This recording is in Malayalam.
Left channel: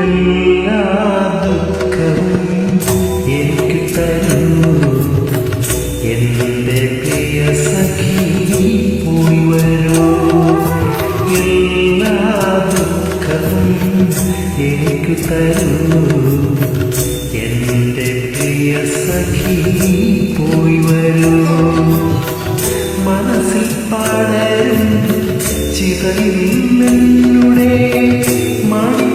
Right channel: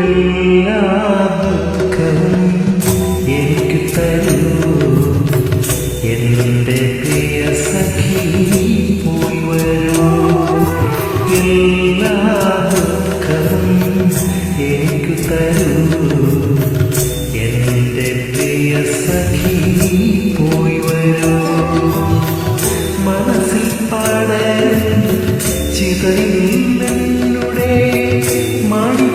എല്ലാ ദുഃഖവും എനിക്ക് തരൂ എന്റെ പ്രിയ സഖി പോയി വരൂ. എല്ലാ ദുഃഖവും എനിക്ക് തരൂ എന്റെ പ്രിയ സഖി പോയി വരൂ. മനസ്സിൽ പടരും ചിതയിൽ നിന്നുടെ മണി